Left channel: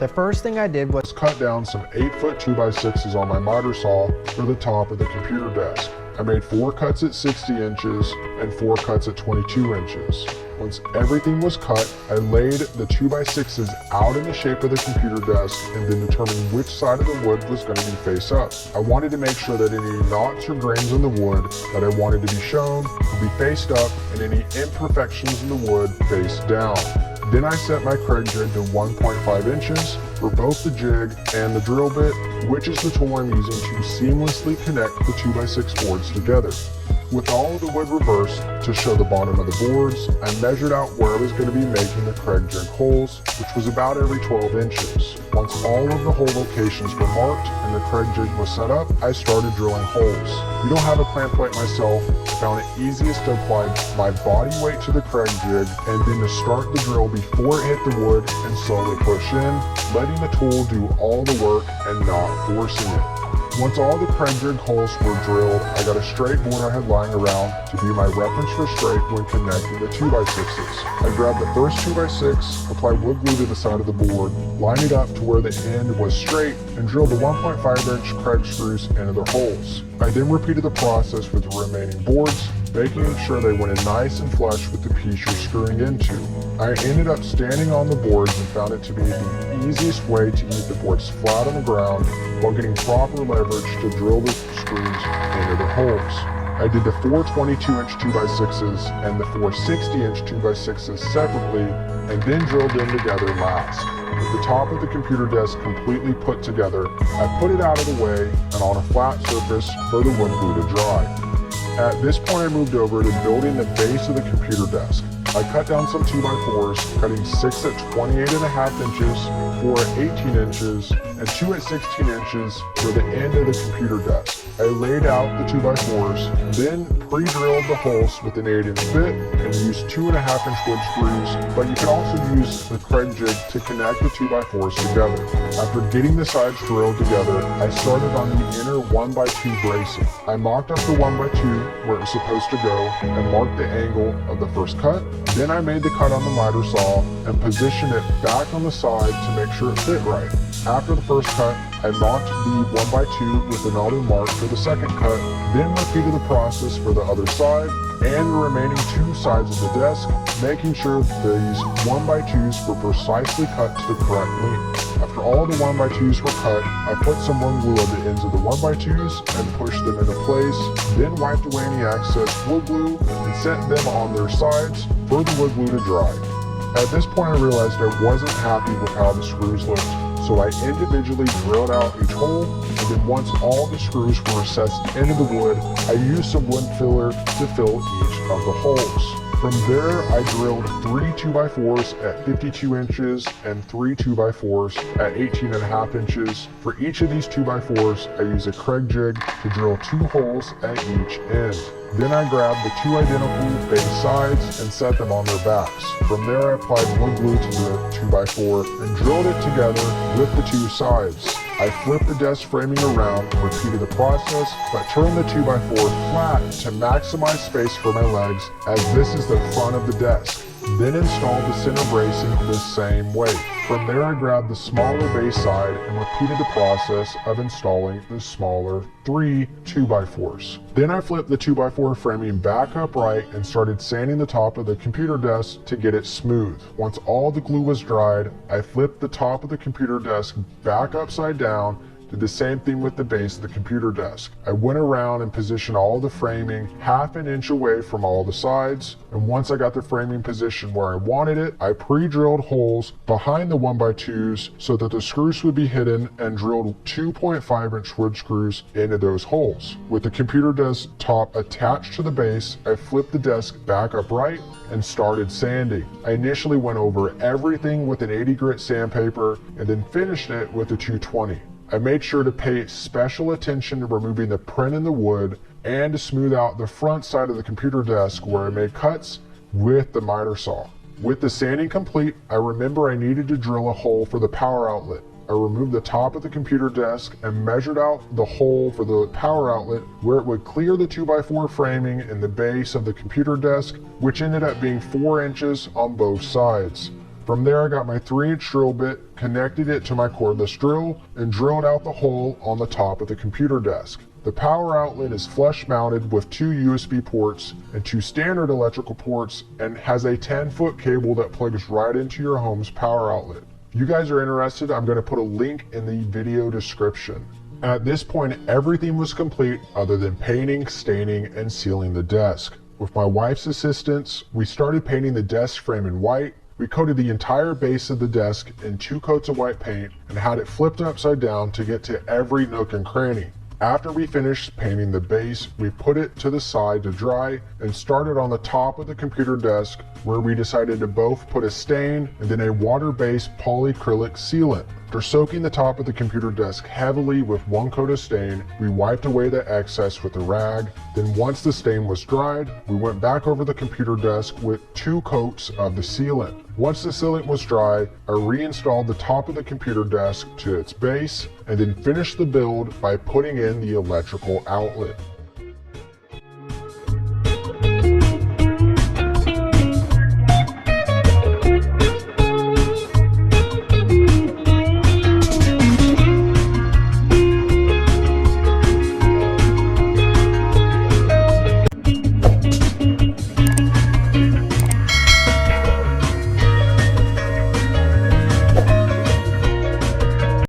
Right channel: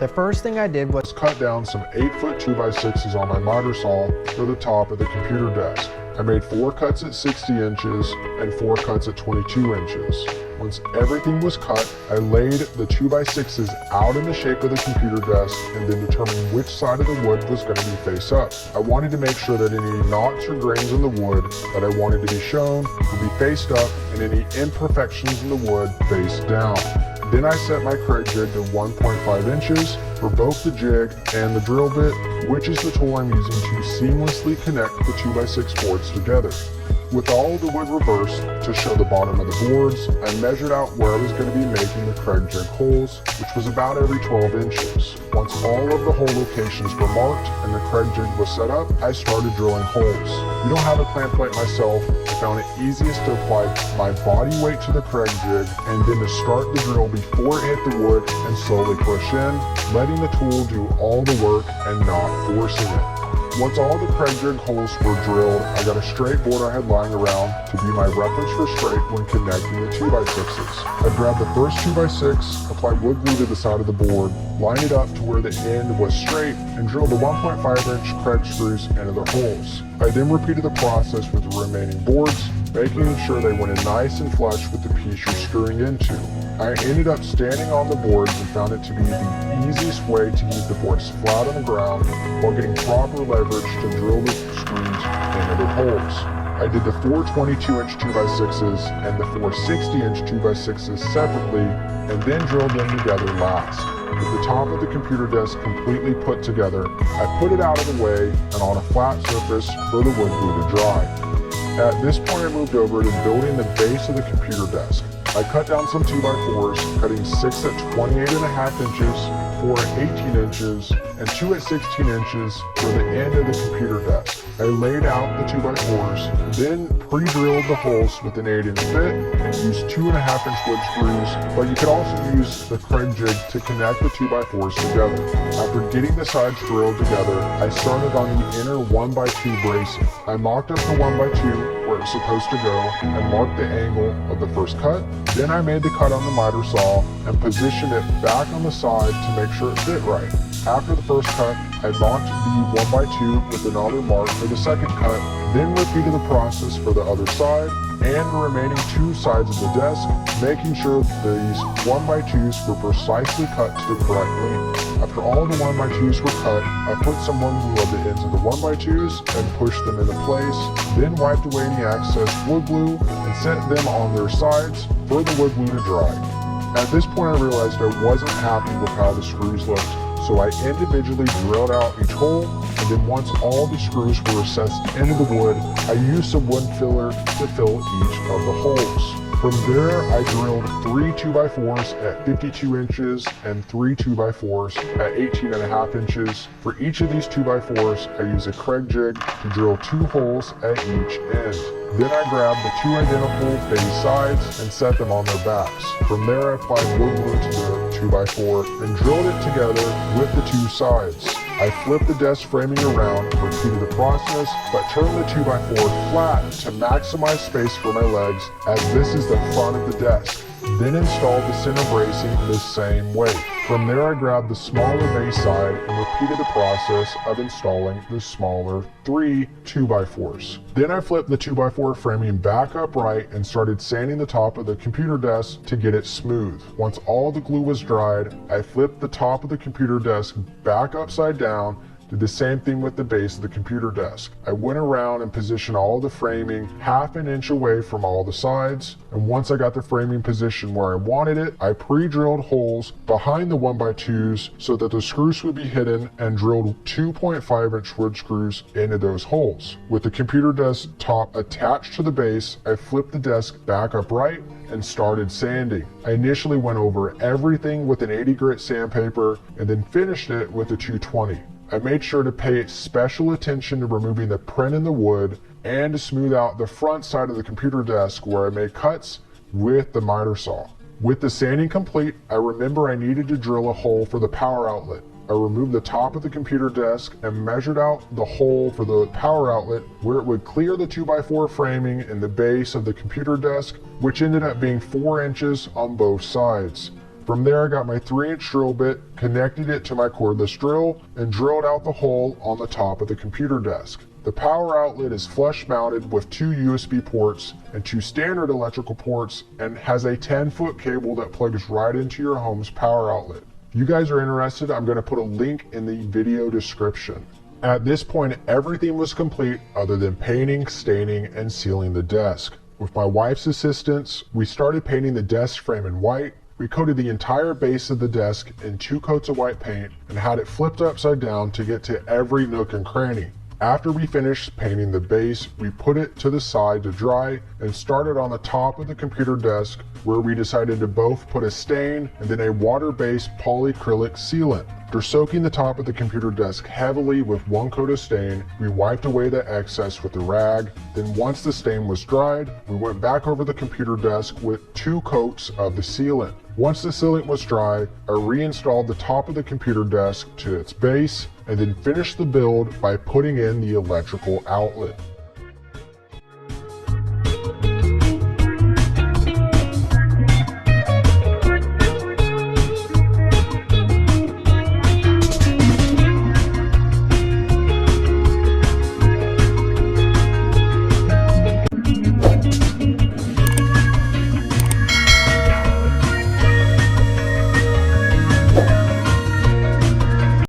The first thing I did was cut down some 8-foot 2x6s on my miter saw for the top of the computer desk. I made 4 cuts at 60 inches and 4 cuts at 22 inches. Once everything was cut, I laid the 2x6s out in the shape of the computer desk and then determined which side of the wood was going to be face up. I wanted to make sure that any knots or grains in the wood that I wanted to be shown would be faced up and any imperfections in the wood face down. Then I set my Kreg jig to 1.5 inches for both the jig and the drill bit, which is the tool I'm using to seamlessly connect the 2x6 boards together. With all of the wood reversed to show the bottom of the boards, I measured out where I was going to be making the Kreg jig holes, which was about every 12 inches. Once all of the hole locations were marked and the Kreg jig was set up, I started drilling holes. You don't have a plan point myself, I found it easiest to apply my body weight to the Kreg jig and then to start the drill before it hit the wood and slowly push in, letting the tool do all the work and not forcing it. Once all the Kreg jig holes were drilled, I got a straight board I had lying around to be my reference for straight when connecting the 2x6s. I grabbed the first 2x6, applied wood glue to the side of the board, lined it up to where the end was straight, and drilled the 1.5-inch Kreg screws into the holes. I then repeated the process with the remaining boards, making sure they went in nice and flush with the piece you're screwing into. I ended up standing on the boards and found it to be the easiest way to use the boards flat on the ground while getting proper leverage to drill the screws into the holes. I did the 4 22-inch 2x6s and the 4 60-inch 2x6s separately and then drilled them together last. With the top of the computer desk completely put together, I put it out of the way and on a flat surface for the wood glue to dry. At this point I moved over to building the base of the computer desk. I cut down some 2x4s, cutting 6 at 28.5 inches, 4 at 18 inches, and 2 at 16 inches for the end of the computer desk. I laid out the 2x4s, then pre-drilled the holes with an 8-inch bit and used 2.5-inch wood screws, but you can also use the Kreg jig to connect the 2x4s together. After getting the sides drilled together, I started on the inner 1x2 bracing. I marked up the 1x2 where it was supposed to go and marked the angle of the first cut. Then I made the cut on the miter saw and positioned it back on the side to make sure it fit right. After the first cut, I marked the 1x2 with another mark for the second cut, then repeated the process for the other side and the remaining 2 sides of the desk, making sure that these 1x2s were precisely cut to the correct length. After all of the 1x2s were cut, I put some wood glue on the ends of the 1x2s and pushed them into place, then wiped away any excess wood glue and set them on their sides for the wood glue to dry. At this point I realized I wasn't happy with how the screws looked, so I individually drilled out each hole, and then once all the screws were recessed into the wood, I used some wood filler to fill each of the holes. From there, I drilled 3 2x4s at 52 inches and 3 2x4s at 18.5 inches. For each of these 2x4s, I use a Kreg jig to drill 2 holes at each end. Then I grabbed the 2 identical base sides and set them on their backs. From there I applied wood glue to the 2x4 and drilled it together with the 2 sides. I flipped the desk framing around and repeated the process, but turned the 2x4 flat to maximize space for my legs, as this is the front of the desk. Then installed the center bracing the same way. From there I grabbed the smaller base side and repeated the process of installing the smaller 3 2x4s. Then I flipped the 2x4 framing back upright and started sanding the top of the computer desk to get it smooth. Once all the glue was dried, I flipped the top of the computer desk back upside down. Did the same thing with the base of the computer desk. I went around and positioned all the framing half an inch away from all the sides, and once I got the framing positioned where I wanted it, I pre-drilled holes behind the 1x2s so that the screws would be hidden and drilled 2.5-inch wood screws into those holes. With the computer desk top attached to the base, I flipped the desk back upright and started sanding. I initially went over everything with an 80 grit sandpaper and then finished it with a 220. I made sure to pay special attention to removing the print in the wood and to smooth out the front side of the computer desk where I made cuts with the miter saw. With the sanding complete, I remember I needed to drill a hole for the power outlet. I removed the top of the computer desk and measured out the hole for the power outlet where it would clear the 2x4 framing in the base of the computer desk, which ended up being 4 inches on both sides. From there, I got my 3-inch drill bit, connected it to my cordless drill, and drilled out the hole on the top of the computer desk. The power outlet is flush mounted with 2 USB ports and 2 standard electrical ports, and has a 10-foot cable that plugs right into your home's power outlet. If you guys are interested, I'm going to put a link in the video description. At this point, everything was complete other than painting, staining, and sealing the desk. With my wife's assistance, we started painting the desk frame in white. We coated the entire base of the desk in 2 coats of white paint and had it flipped upside down to get to every nook and cranny. After we finished painting the base, we put it to the side to dry and started on the top of the computer desk, where we decided to both put a stain and then a water-based polyacrylic sealant. After soaking the top of the computer desk heavily with 1 coat of stain, we wiped away the excess with a rag. Then once the stain was dried, we went back over the computer desk with 2 coats of the sealant. Once the sealant was dry, I reinstalled the top of the computer desk to its base and then finished the build by putting in the electrical outlet.